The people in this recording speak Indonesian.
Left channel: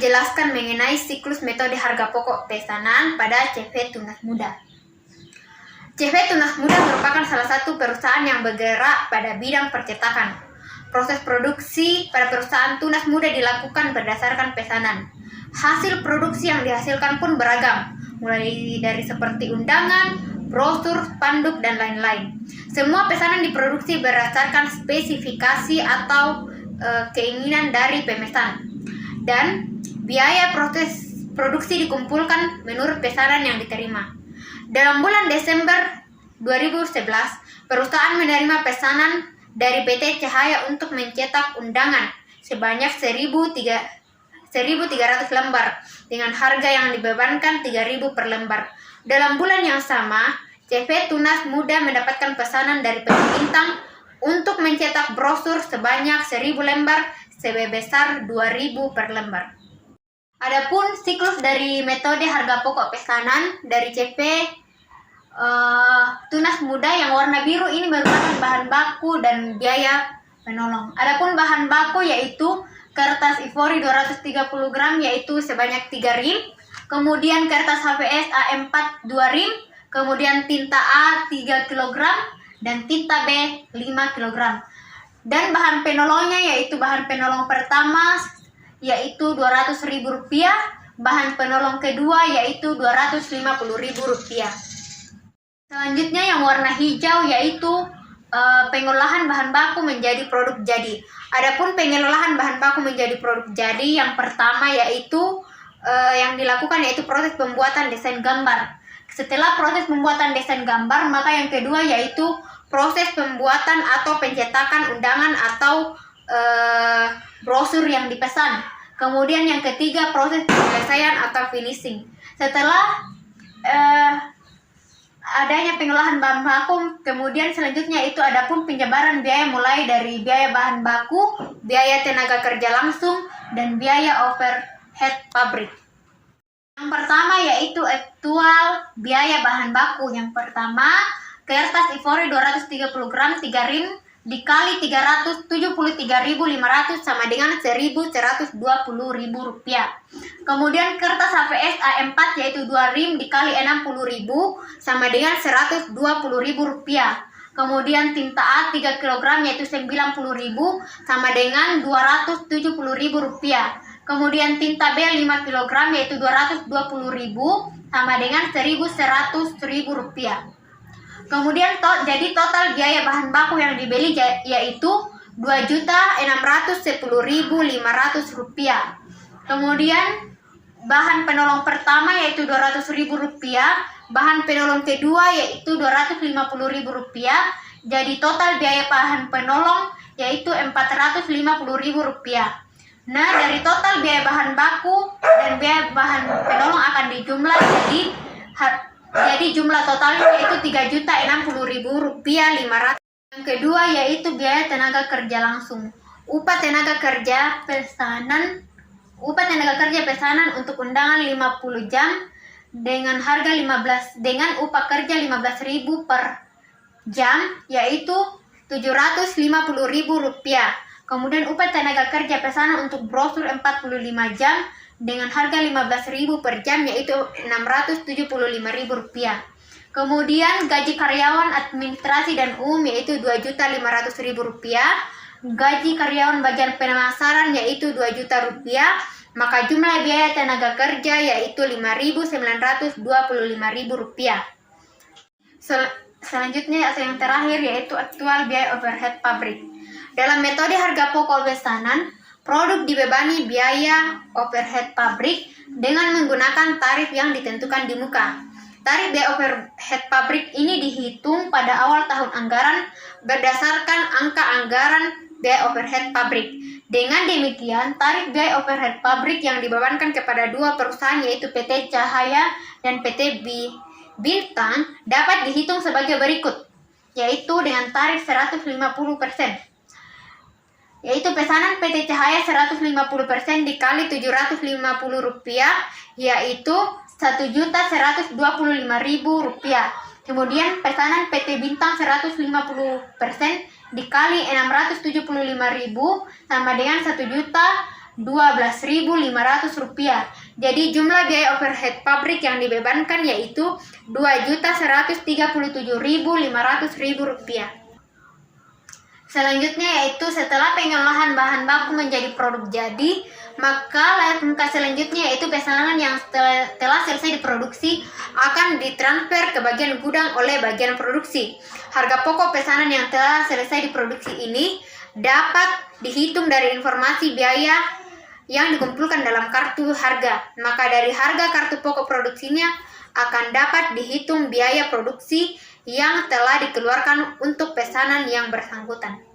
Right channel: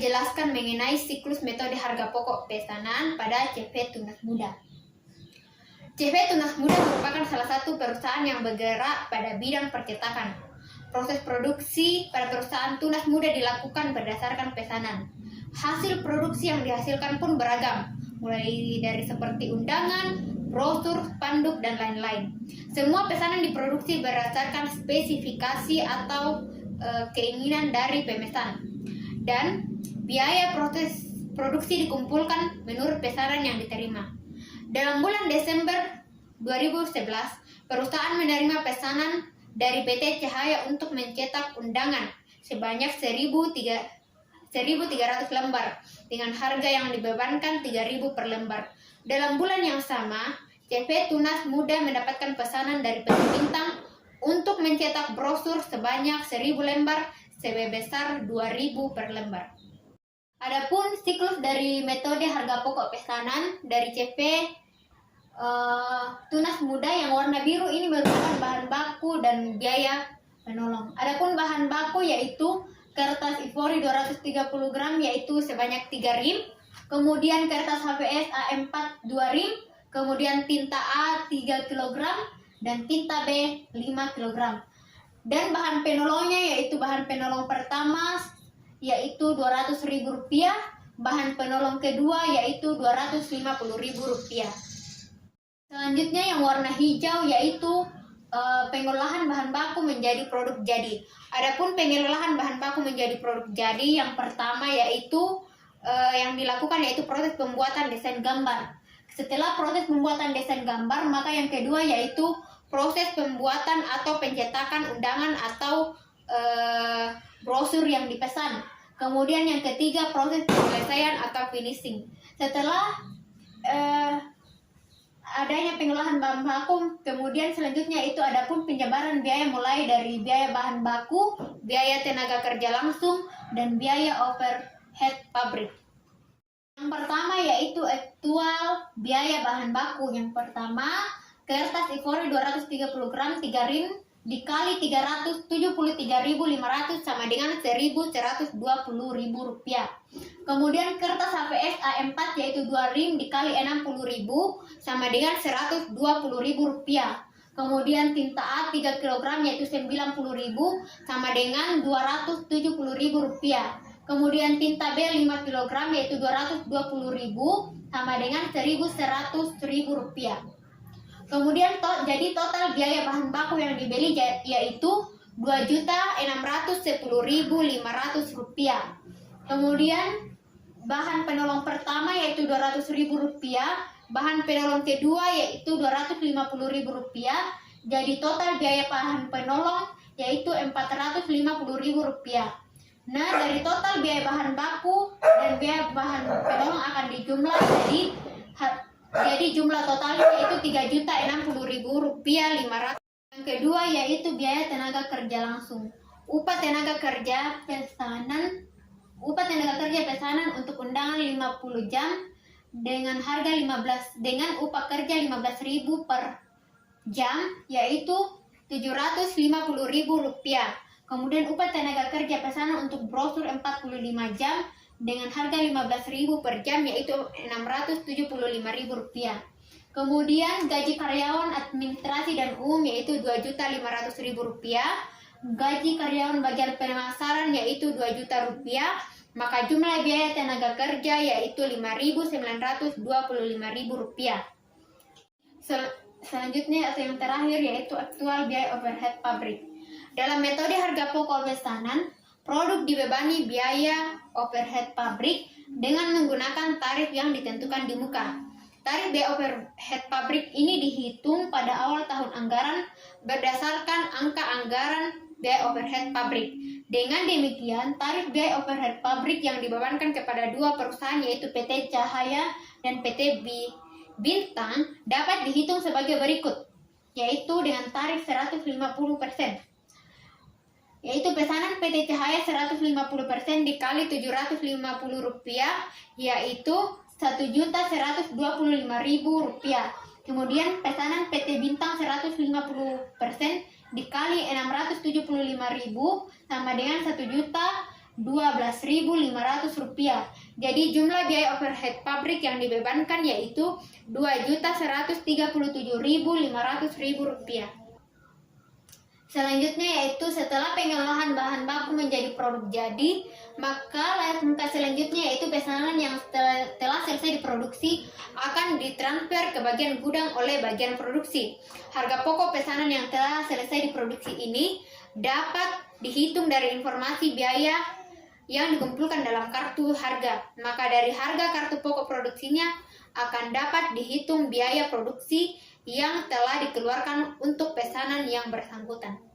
menjelaskan mengenai siklus metode harga pokok pesanan pada CV Tunas Muda. CV Tunas Muda merupakan salah satu perusahaan yang bergerak pada bidang percetakan. Proses produksi pada perusahaan Tunas Muda dilakukan berdasarkan pesanan. Hasil produksi yang dihasilkan pun beragam, mulai dari seperti undangan, brosur, spanduk, dan lain-lain. Semua pesanan diproduksi berdasarkan spesifikasi atau keinginan dari pemesan. Dan biaya proses produksi dikumpulkan menurut pesanan yang diterima. Dalam bulan Desember 2011, perusahaan menerima pesanan dari PT Cahaya untuk mencetak undangan sebanyak 1.300 lembar dengan harga yang dibebankan 3.000 per lembar. Dalam bulan yang sama, CV Tunas Muda mendapatkan pesanan dari PT Bintang untuk mencetak brosur sebanyak 1.000 lembar sebesar 2.000 per lembar. Adapun siklus dari metode harga pokok pesanan dari CV Tunas Muda yang warna biru ini merupakan bahan baku dan biaya penolong. Adapun bahan baku yaitu kertas ivory 230 gram yaitu sebanyak 3 rim, kemudian kertas HVS A4 2 rim, kemudian tinta A 3 kg dan tinta B 5 kg. Dan bahan penolongnya yaitu bahan penolong pertama yaitu Rp200.000, bahan penolong kedua yaitu Rp250.000. Selanjutnya yang warna hijau yaitu pengolahan bahan baku menjadi produk jadi. Adapun pengolahan bahan baku menjadi produk jadi yang pertama yaitu yang dilakukan yaitu proses pembuatan desain gambar. Setelah proses pembuatan desain gambar, maka yang kedua yaitu proses pembuatan atau pencetakan undangan atau brosur yang dipesan. Kemudian yang ketiga proses penyelesaian atau finishing. Setelah adanya pengolahan bahan baku, kemudian selanjutnya itu adapun penyebaran biaya mulai dari biaya bahan baku, biaya tenaga kerja langsung, dan biaya overhead pabrik. Yang pertama yaitu aktual biaya bahan baku. Yang pertama, kertas ivory 230 gram 3 rim dikali 373.500 sama dengan Rp1.120.000. Kemudian kertas HVS A4 yaitu 2 rim dikali 60.000 sama dengan Rp120.000. Kemudian tinta A 3 kg yaitu 90.000 sama dengan Rp270.000. Kemudian tinta B 5 kg yaitu Rp220.000 sama dengan Rp1.100.000. Kemudian jadi total biaya bahan baku yang dibeli yaitu Rp2.610.500. Kemudian bahan penolong pertama yaitu Rp200.000, bahan penolong kedua yaitu Rp250.000. Jadi total biaya bahan penolong yaitu Rp450.000. Nah, dari total biaya bahan baku dan biaya bahan penolong akan dijumlah jadi jumlah totalnya yaitu Rp3.060.500. Yang kedua yaitu biaya tenaga kerja langsung. Upah tenaga kerja pesanan untuk undangan 50 jam dengan harga dengan upah kerja 15.000 per jam yaitu Rp750.000. Kemudian upah tenaga kerja pesanan untuk brosur 45 jam dengan harga 15.000 per jam yaitu Rp675.000. Kemudian gaji karyawan administrasi dan umum yaitu Rp2.500.000. Gaji karyawan bagian pemasaran yaitu Rp2 juta. Maka jumlah biaya tenaga kerja yaitu Rp5.925.000. Selanjutnya yang terakhir yaitu aktual biaya overhead pabrik. Dalam metode harga pokok pesanan, produk dibebani biaya overhead pabrik dengan menggunakan tarif yang ditentukan di muka. Tarif biaya overhead pabrik ini dihitung pada awal tahun anggaran berdasarkan angka anggaran biaya overhead pabrik. Dengan demikian, tarif biaya overhead pabrik yang dibebankan kepada dua perusahaan yaitu PT Cahaya dan PT Bintang dapat dihitung sebagai berikut, yaitu dengan tarif 150%. Yaitu pesanan PT Cahaya 150% dikali Rp750 yaitu Rp1.125.000. Kemudian pesanan PT Bintang 150% dikali Rp675.000 sama dengan Rp1.225.000. Rp12.500. Jadi jumlah biaya overhead pabrik yang dibebankan yaitu Rp2.137.500. Selanjutnya yaitu setelah pengolahan bahan baku menjadi produk jadi, maka langkah selanjutnya yaitu pesanan yang telah selesai diproduksi akan ditransfer ke bagian gudang oleh bagian produksi. Harga pokok pesanan yang telah selesai diproduksi ini dapat dihitung dari informasi biaya yang dikumpulkan dalam kartu harga. Maka dari harga kartu pokok produksinya akan dapat dihitung biaya produksi yang telah dikeluarkan untuk pesanan yang bersangkutan.